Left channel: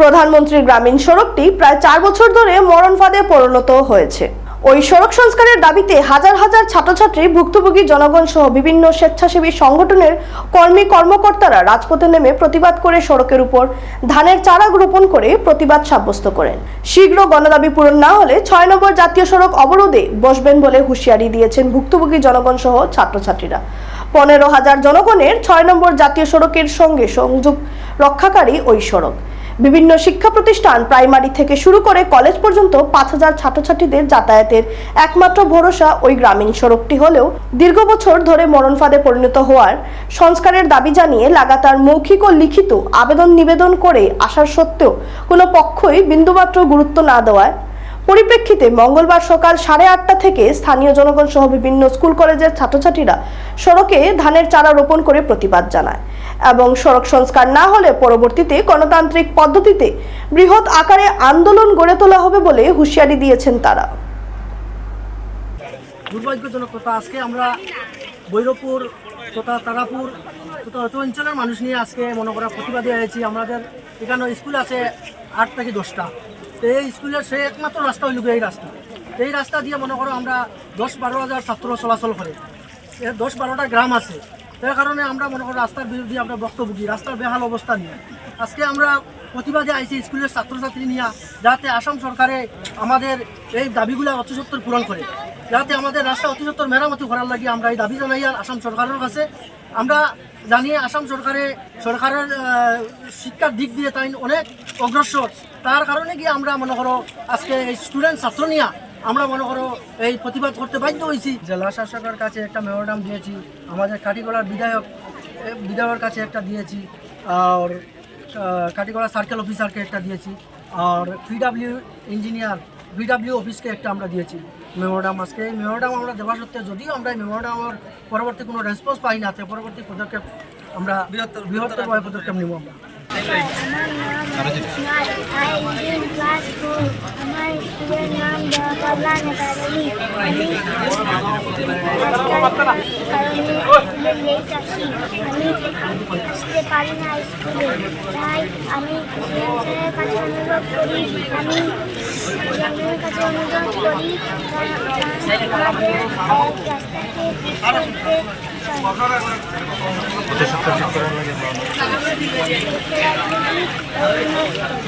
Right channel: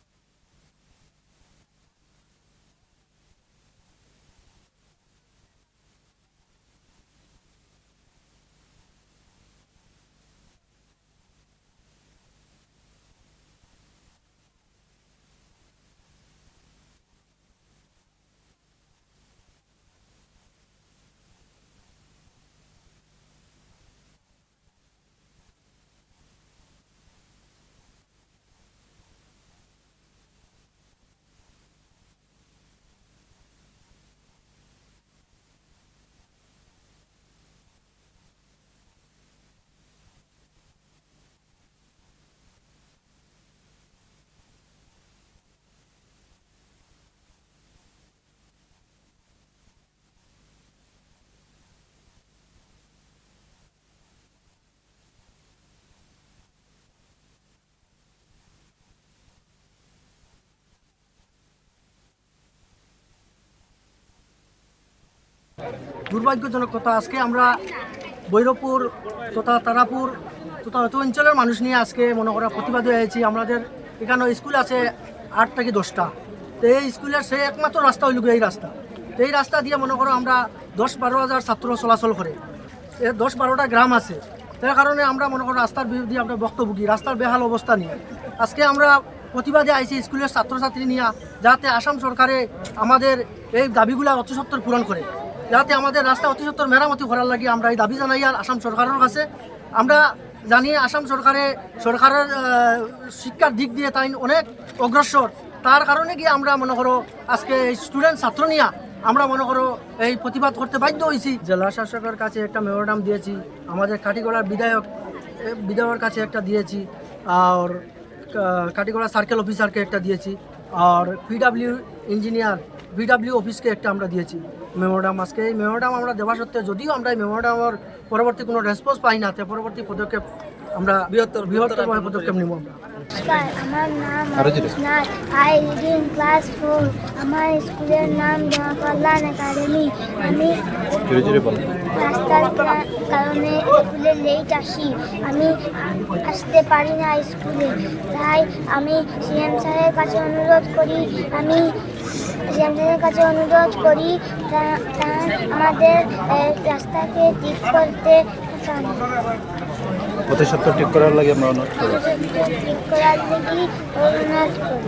প্রধানমন্ত্রীর গ্রামীণ সড়কটি প্রায় 4 বছর ধরে মরণ ফাঁদে পরিণত হয়েছে। ওই সড়ক সংস্কারের দাবিতে হাজার হাজার ছাত্রছাত্রী, ভুক্তভোগী জনগণ সহ বিভিন্ন স্বেচ্ছাসেবী সংগঠনের কর্মকর্তারা রাজপথে নেমে প্রতিবাদ করে সড়কের উপর ধানের চারা রোপণ করে প্রতিবাদ সাব্যস্ত করেন। শীঘ্র গণদাবি পূরণ না হলে 6 নম্বর জাতীয় সড়ক অবরোধে বসবেন বলে হুঁশিয়ারি দিয়েছেন ভুক্তভোগী জনগণ সহ ছাত্রছাত্রীরা। 15,000 জনগণের 6 নম্বর জাতীয় সড়কের সঙ্গে সংযোগ রক্ষাকারী ওই সড়ক বিভিন্ন শিক্ষা প্রতিষ্ঠান, প্রাইমারি থেকে শুরু করে কলেজ পর্যন্ত 5,000 ছাত্রছাত্রীদের যাতায়াতের একমাত্র ভরসা ওই গ্রামীণ সড়কটি হলেও দীর্ঘ বছর ধরে মরণ ফাঁদে পরিণত হওয়ার সংস্কারের দাবি জানিয়ে লাগাতার মৌখিক ও লিখিত নিবেদন করে আসার সত্ত্বেও কোনো পক্ষই বিন্দুমাত্র গুরুত্ব না দেওয়ায় পরিপ্রেক্ষিতে মঙ্গলবার সকাল 8:30টা থেকে স্থানীয় জনগণ সহ বিভিন্ন স্কুল কলেজের ছাত্রছাত্রীরা সড়কে ধানের চারা রোপণ করে প্রতিবাদ জানায় এবং সড়ক সংস্কার না হলে পরবর্তীতে গণতান্ত্রিক পদ্ধতিতে বৃহৎ আকারে আন্দোলন গড়ে তোলা হবে বলে হুঁশিয়ারি দিয়েছেন তারা। দুর্ভাগ্যজনক কথা, আজকে আমরা ভৈরবপুর তথা তারাপুর তথা অত অঞ্চলের মানুষ নিয়ে আজকে মনে করা প্রতিবাদী হয়েছি। আমাদের এখানে স্কুল আছে 8 থেকে 10টা। তো এই স্কুলের সে একমাত্র রাস্তা হইল এই রাস্তা। তো এই রাস্তা দিয়ে মনে করো আমরা 10-12 হাজার ছাত্র চলাচল করে, 10-12টা গ্রাম আছে। তার কারণে আমরা মনে করি রাস্তার বিরুদ্ধে আমরা বক্তব্য রাস্তার বেহাল অবস্থা নিয়ে আজকে আমরা প্রতিবাদে আইছি স্কুলের ছাত্রছাত্রী নিয়ে, যাতে আসাম সরকারে আমাদের এই দাবিগুলো অতি সত্বর পূরণ করে, যাতে আমাদের রাস্তা অতি সত্বর মেরামতি করার লাগে আমরা এই দাবি জানাই। আর আসাম সরকারের কাছে আমরা জানি আসাম সরকারের শিক্ষার দিক দিয়ে তাই অনেক অগ্রসর। তার কারণে গিয়ে আমরা মনে করো আজকে স্টুডেন্ট ছাত্র নিয়ে আমরা মনে করো এই প্রতিবাদ করতে বাধ্য হয়েছি। জেলা শাসকের কাছে একটা মেমোরান্ডাম দিয়েছি, আমাদের কাটিগড়ার বিধায়কের কাছে একটা দিয়েছি, আর কাটিগড়া সার্কেল অফিসারকে একটা দিয়েছি, আর ভিডব্লিউ অফিসকে একটা আমরা দিয়েছি মেমোরান্ডাম। আজকে এই মেমোরান্ডাম আমরা দেওয়া সত্ত্বেও যদিও আমরা এই মেমোরান্ডামের পরবর্তী কোনো রেসপন্স পাই না, পরবর্তী পদক্ষেপ আমরা বৃহত্তরভাবে পদক্ষেপ নেব আমরা। আমার নাম আরিশনাথ, আই রিডিং ক্লাস 4। আমার স্কুলের নাম দেওয়া কল্যাণ একাডেমি। আমি রাস্তার কারণে স্কুলে লেট আসি, আমি আসতে পারি না স্কুলে। তাই আমি সিএম সাহেবের কাছে অনুরোধ করি, আমাদের রাস্তাকে ঠিক করতে ঠিক করার লাগে অনুরোধ করি।